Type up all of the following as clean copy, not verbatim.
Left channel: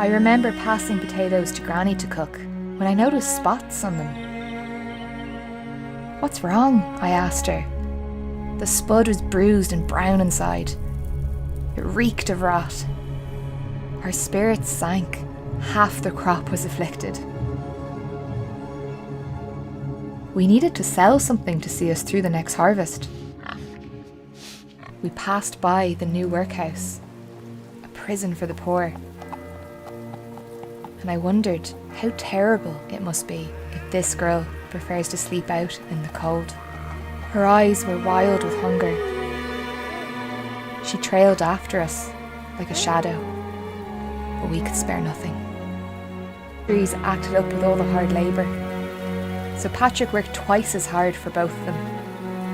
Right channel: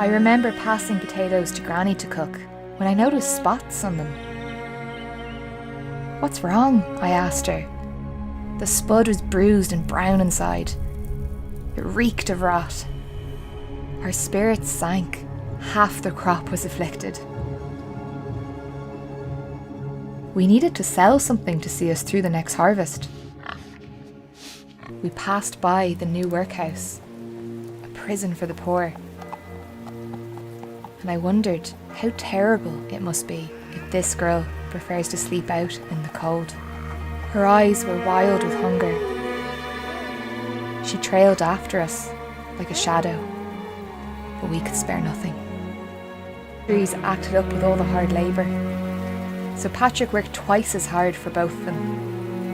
I remember passing potatoes to Granny to cook when I noticed spots on them. "What's wrong?" I asked her. The spud was bruised and brown inside. It reeked of rot. Our spirits sank. Half the crop was afflicted. We needed to sell something to see us through the next harvest. We passed by the new workhouse, a prison for the poor. And I wondered how terrible it must be if this girl prefers to sleep out in the cold. Her eyes were wild with hunger. She trailed after us like a shadow, but we could spare nothing. Trees acted up with all the hard labour, so Patrick worked twice as hard for both of them.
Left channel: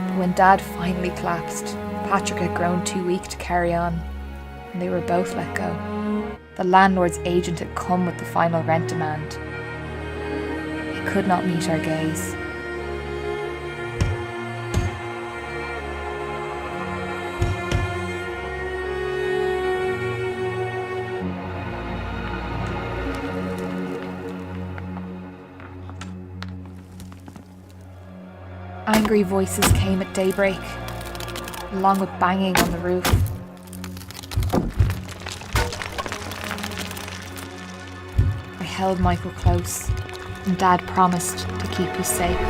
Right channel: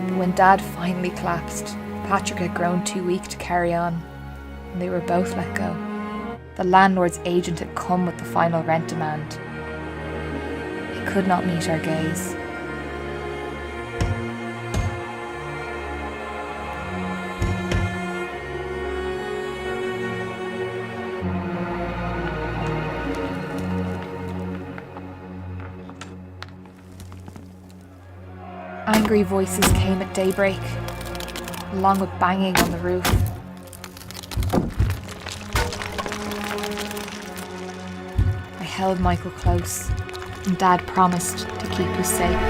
But when Dad finally collapsed, Patrick had grown too weak to carry on, and they were both let go. The landlord's agent had come with the final rent demand. It could not meet our gaze. Angry voices came at daybreak, along with banging on the roof. I held Michael close, and Dad promised to keep us safe.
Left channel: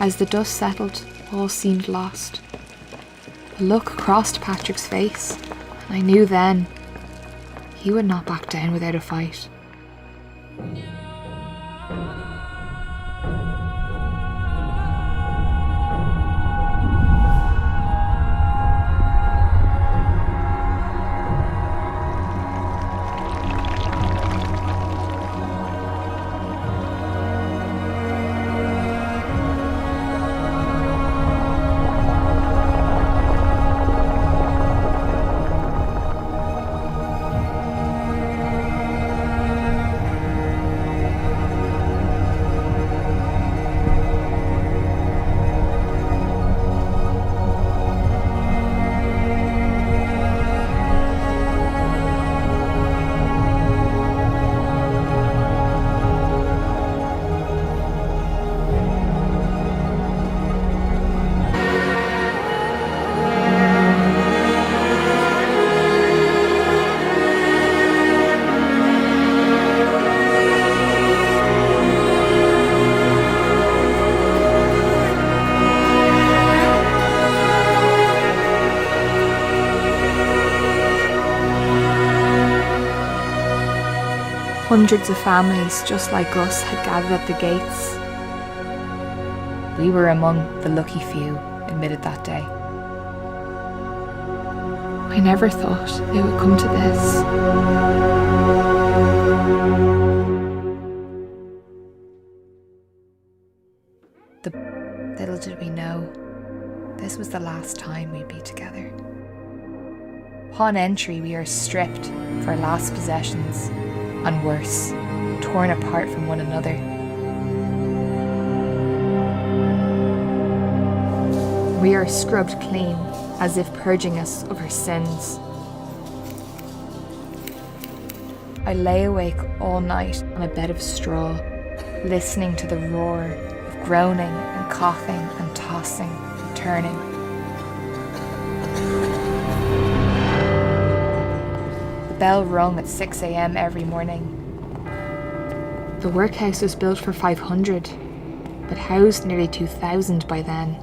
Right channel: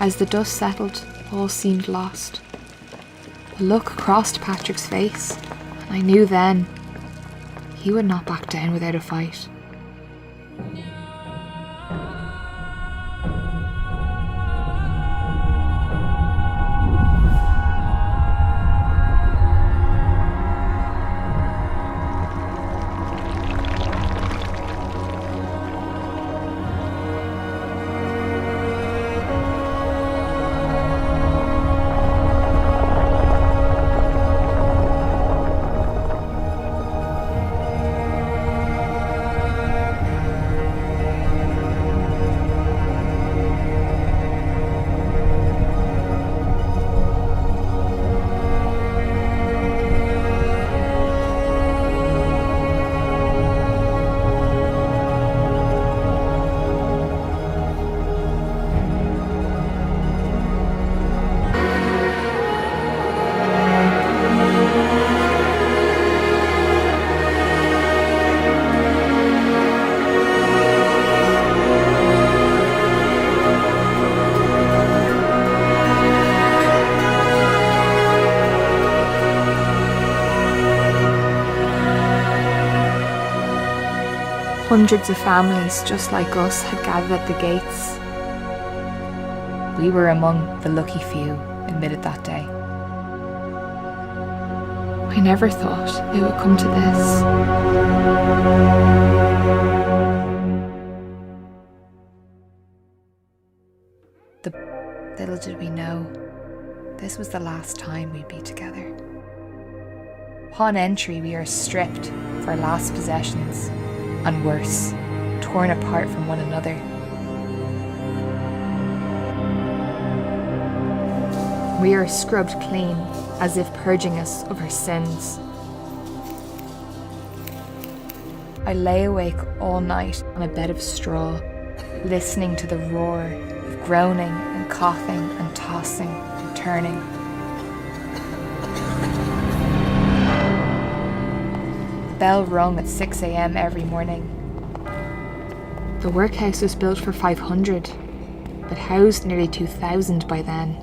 As the dust settled, all seemed lost. A look crossed Patrick's face, and I knew then he would not back down without a fight. Hundreds of families just like us had gathered at the gates. We were among the lucky few admitted that day. I never thought it would come to this. Little did we know, this was the last time we'd be together. Upon entry, we are stripped of our last possessions, and worse, torn apart from one another. We are scrubbed clean, as if purging us of our sins. I lay awake all night on a bed of straw, listening to the roar of groaning and coughing and tossing and turning. The bell rung at 6 a.m. every morning. The workhouse was built for 500, but housed nearly 2,000 by then.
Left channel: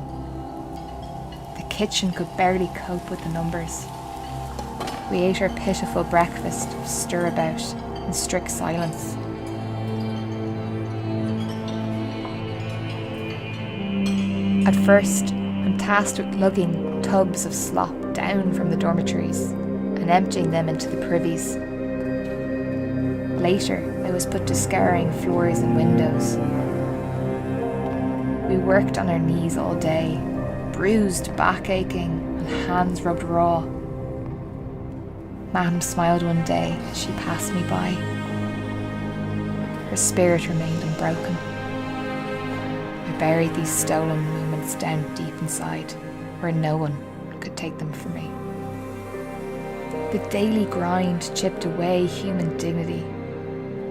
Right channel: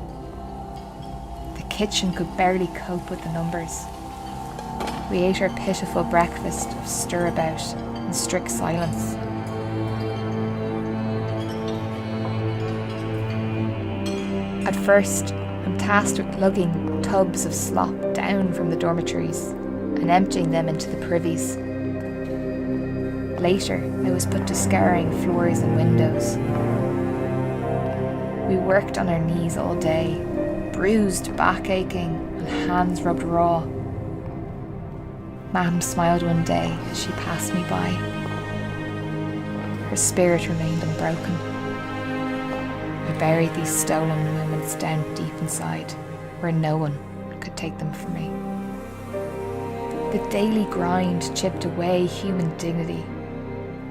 The kitchen could barely cope with the numbers. We ate our pitiful breakfast of stirabout in strict silence. At first, I'm tasked with lugging tubs of slop down from the dormitories and emptying them into the privies. Later, I was put to scouring floors and windows. We worked on our knees all day, bruised, back aching, and hands rubbed raw, Mam smiled one day as she passed me by. Her spirit remained unbroken. I buried these stolen moments down deep inside, where no one could take them from me. The daily grind chipped away human dignity.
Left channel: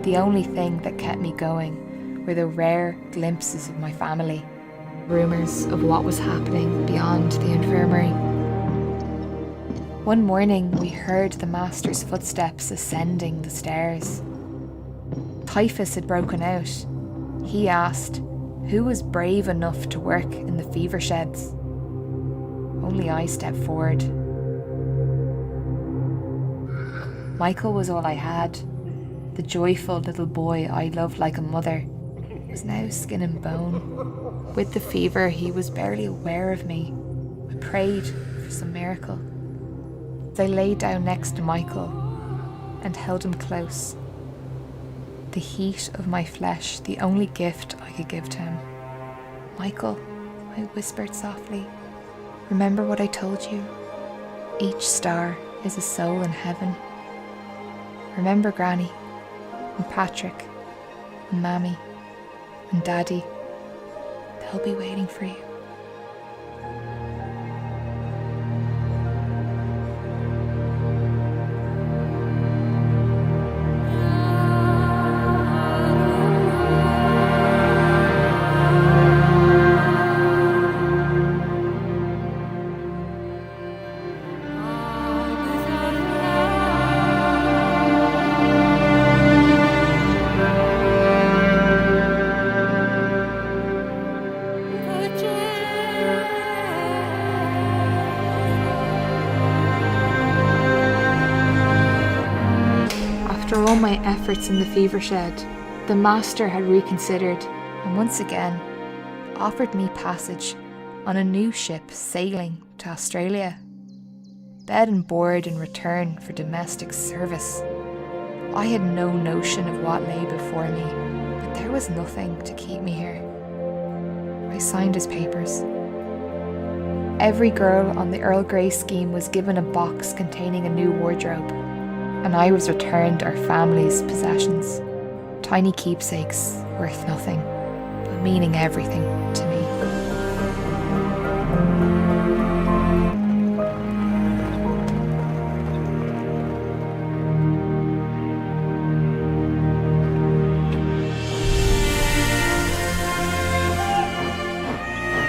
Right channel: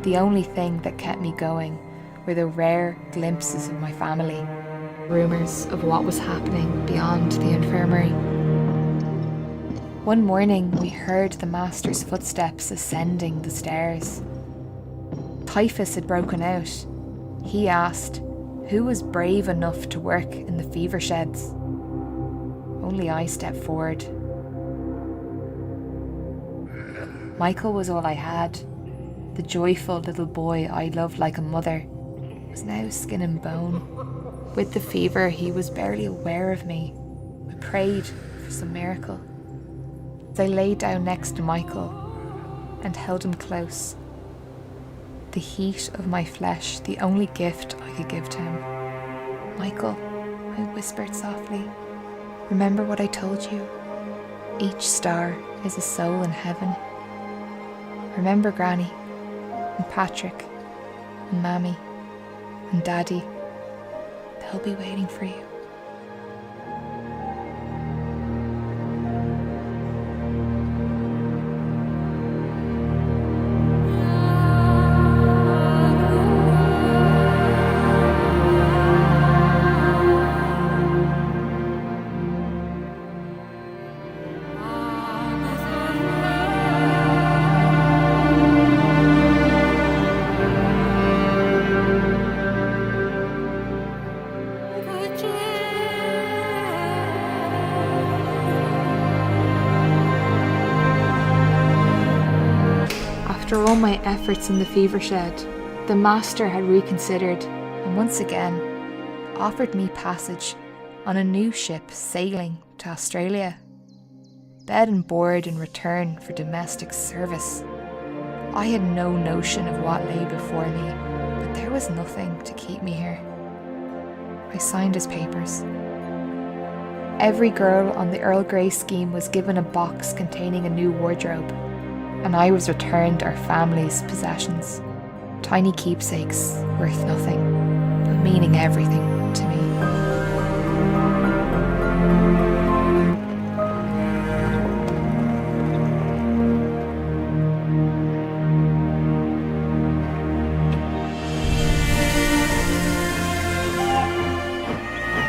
The only thing that kept me going were the rare glimpses of my family, rumours of what was happening beyond the infirmary. One morning we heard the master's footsteps ascending the stairs. Typhus had broken out. He asked who was brave enough to work in the fever sheds. Only I stepped forward. Michael was all I had. The joyful little boy I loved like a mother was now skin and bone. With the fever, he was barely aware of me. I prayed for some miracle. As I lay down next to Michael and held him close, the heat of my flesh, the only gift I could give to him. Michael, I whispered softly, remember what I told you? Each star is a soul in heaven. Remember Granny, and Patrick, and Mammy, and Daddy. They'll be waiting for you. After all my efforts in the fever shed, the master had reconsidered and once again offered me passage on a new ship sailing to Australia. Bed and board in return for domestic service. I had no notion of what lay before me, but there was nothing to keep me here. I signed his papers. Every girl on the Earl Grey scheme was given a box containing a new wardrobe, and I was returned our family's possessions. Tiny keepsakes worth nothing, but meaning everything to me.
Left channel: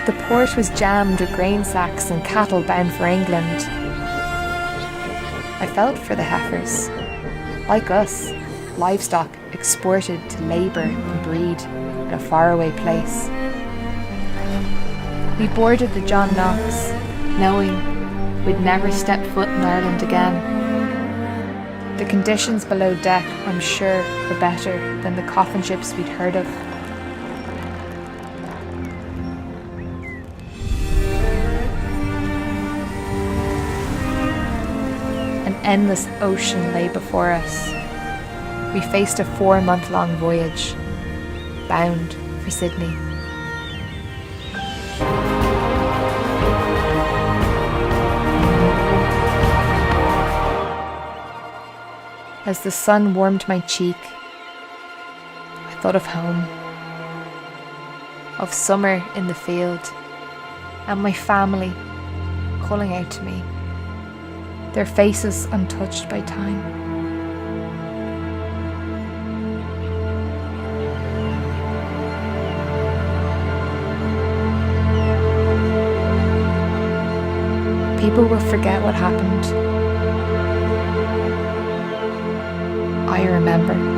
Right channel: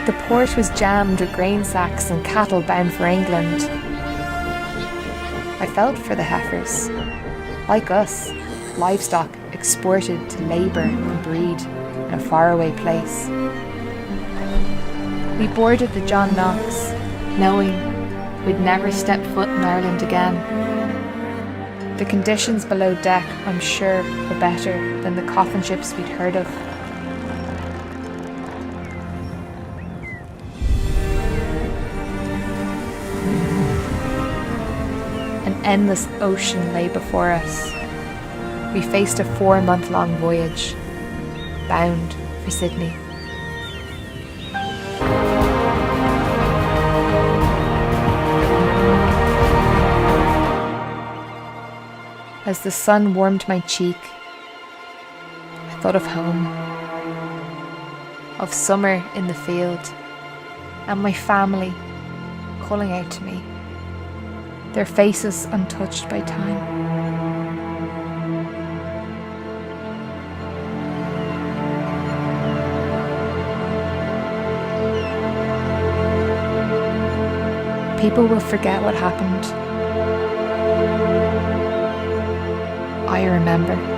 The port was jammed with grain sacks and cattle bound for England. I felt for the heifers. Like us, livestock exported to labour and breed in a faraway place. We boarded the John Knox, knowing we'd never step foot in Ireland again. The conditions below deck, I'm sure, were better than the coffin ships we'd heard of. An endless ocean lay before us. We faced a 4-month-long voyage, bound for Sydney. As the sun warmed my cheek, I thought of home, of summer in the field, and my family calling out to me, their faces untouched by time. People will forget what happened. I remember.